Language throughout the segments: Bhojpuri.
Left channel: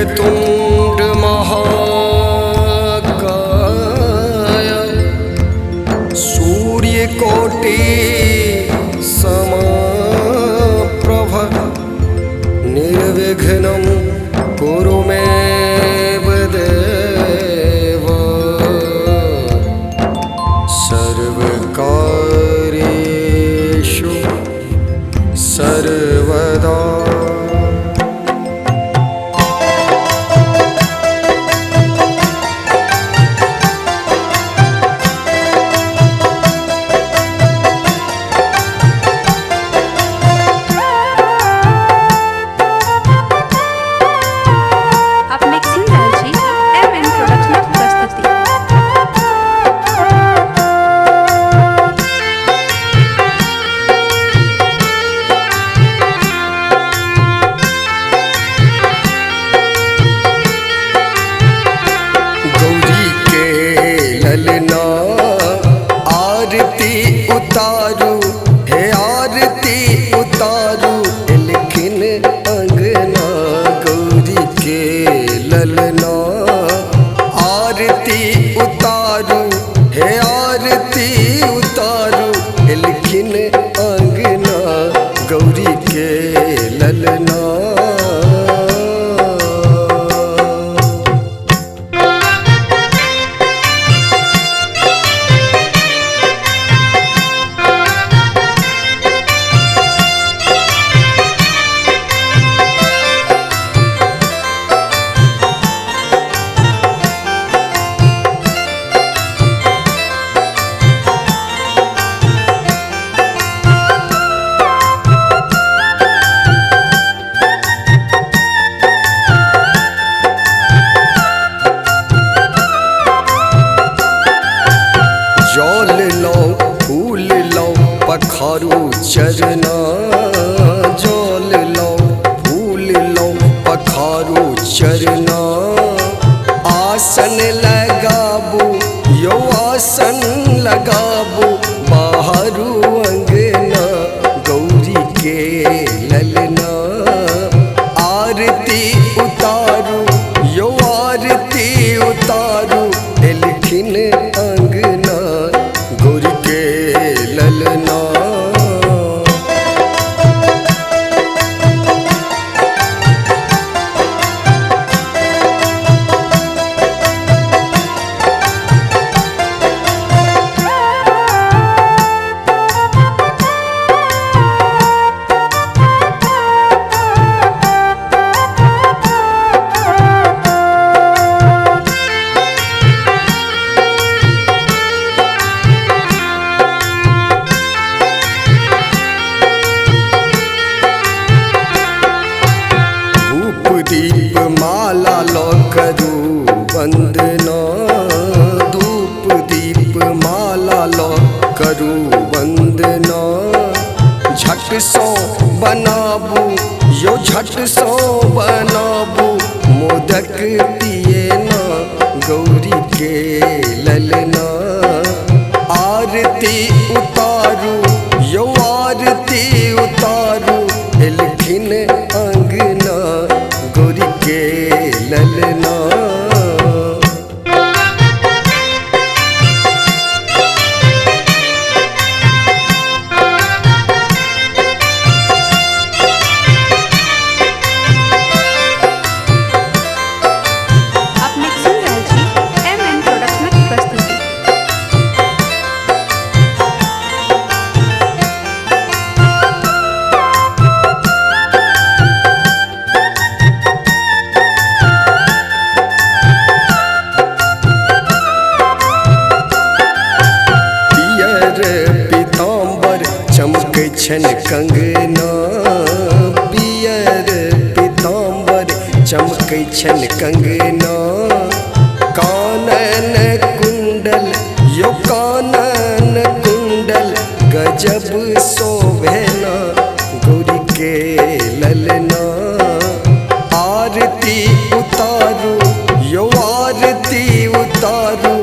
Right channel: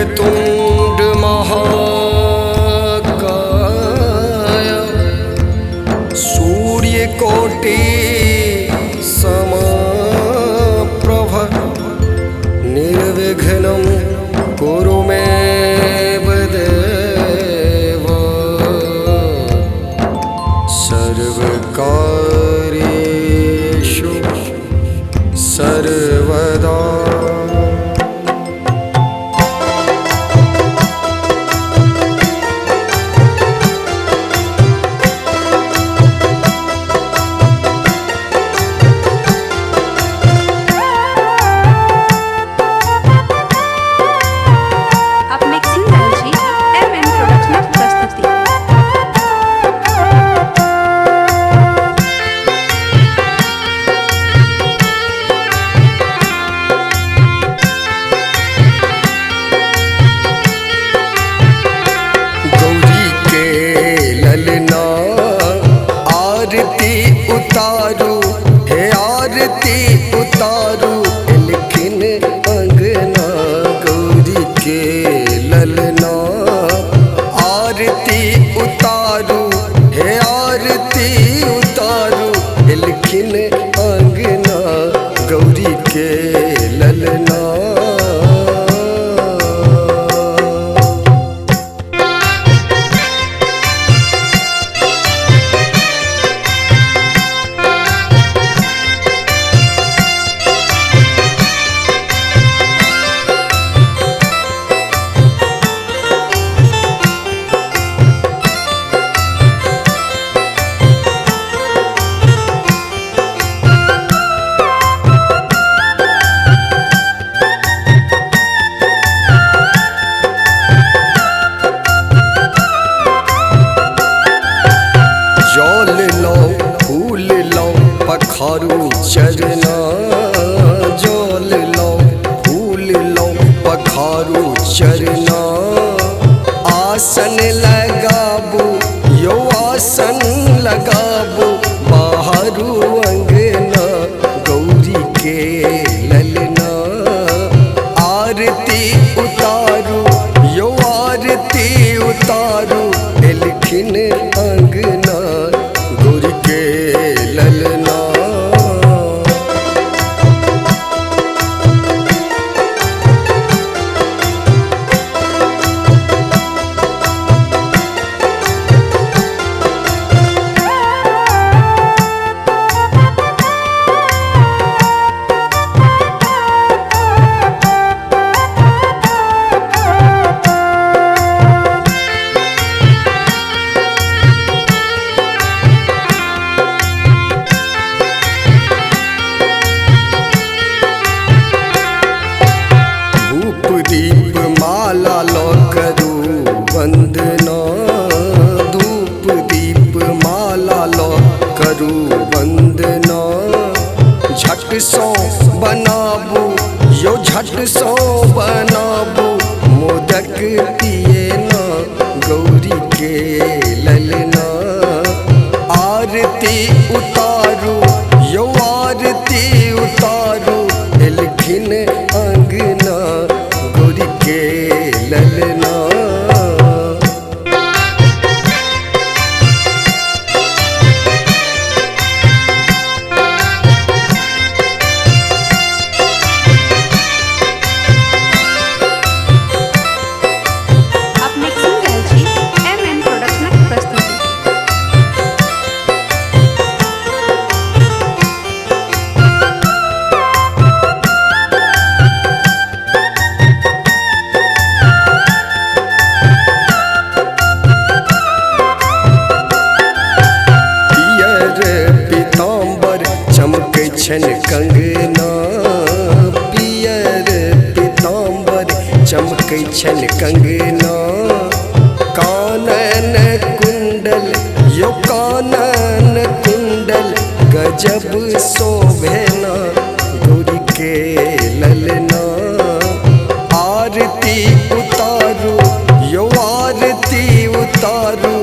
वक्रतुंड महाकाय सूर्यकोटि समप्रभ निर्विघ्नं कुरु मे देव सर्वकार्येषु सर्वदा। ललना आरती उतारू है आरती उतारू लेकिन अंगना गौरी के ललना आरती उतारू है आरती उतारू लेकिन अंगना गौरी के ललना। जल लो फूल लो पखारू चरना जल लो फूल लो पखारू चरना आसन लगाबू यो आसन लगाबू बाहरू अंगना गौरी के ललना आरती उतारू यो आरती उतारू लिखिन अंगना गौरी के ललना। दीप माला लो करू वंदना धूप दीप माला लो करू वंदना झट सो बनाबू यो झट सो बनाबू मोदक पिए ना गौरी के ललना आरती उतारू यो आरती उतारू लिखिन अंगना गौरी के ललना। पीताम्बर चमकै छन कंगना पियर पीताम्बर चमकै छन कंगना कानन कुंडल यो कानन कुंडल गजब शोभेना गौरी के ललना आरती उतारू यो आरती उतारू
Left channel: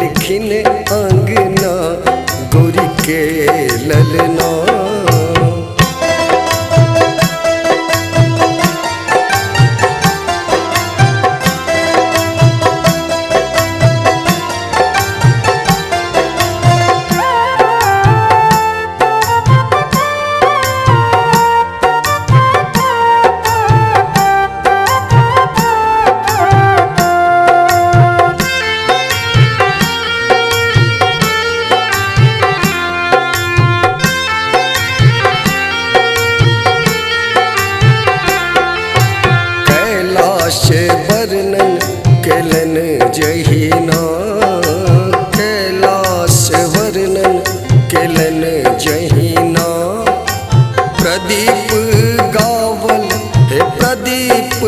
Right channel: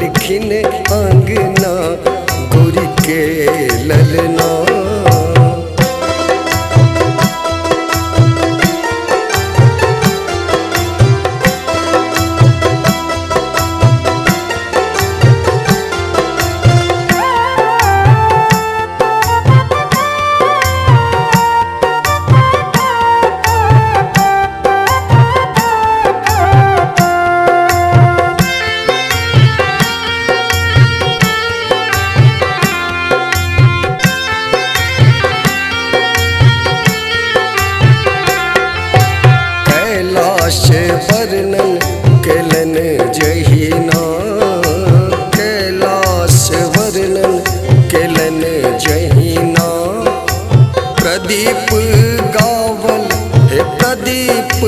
लिखिन अंगना गौरी के ललना। कैलाश वर्णन केलन जहिना, कैलाश वर्णन केलन जहिना। प्रदीप गावल हे प्रदीप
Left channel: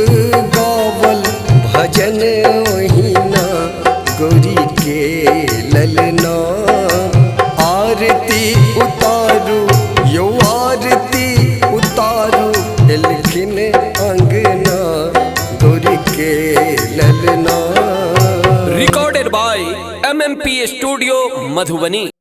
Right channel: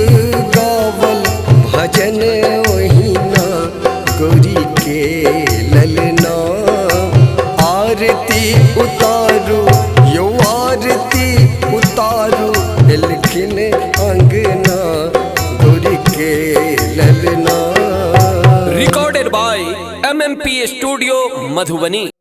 गावल भजन ओहिना, गौरी के ललना। आरती उतारू यो आरती उतारू, एलखिन अंगना, गौरी के ललना। Recorded by MMP Studio, Madhubani।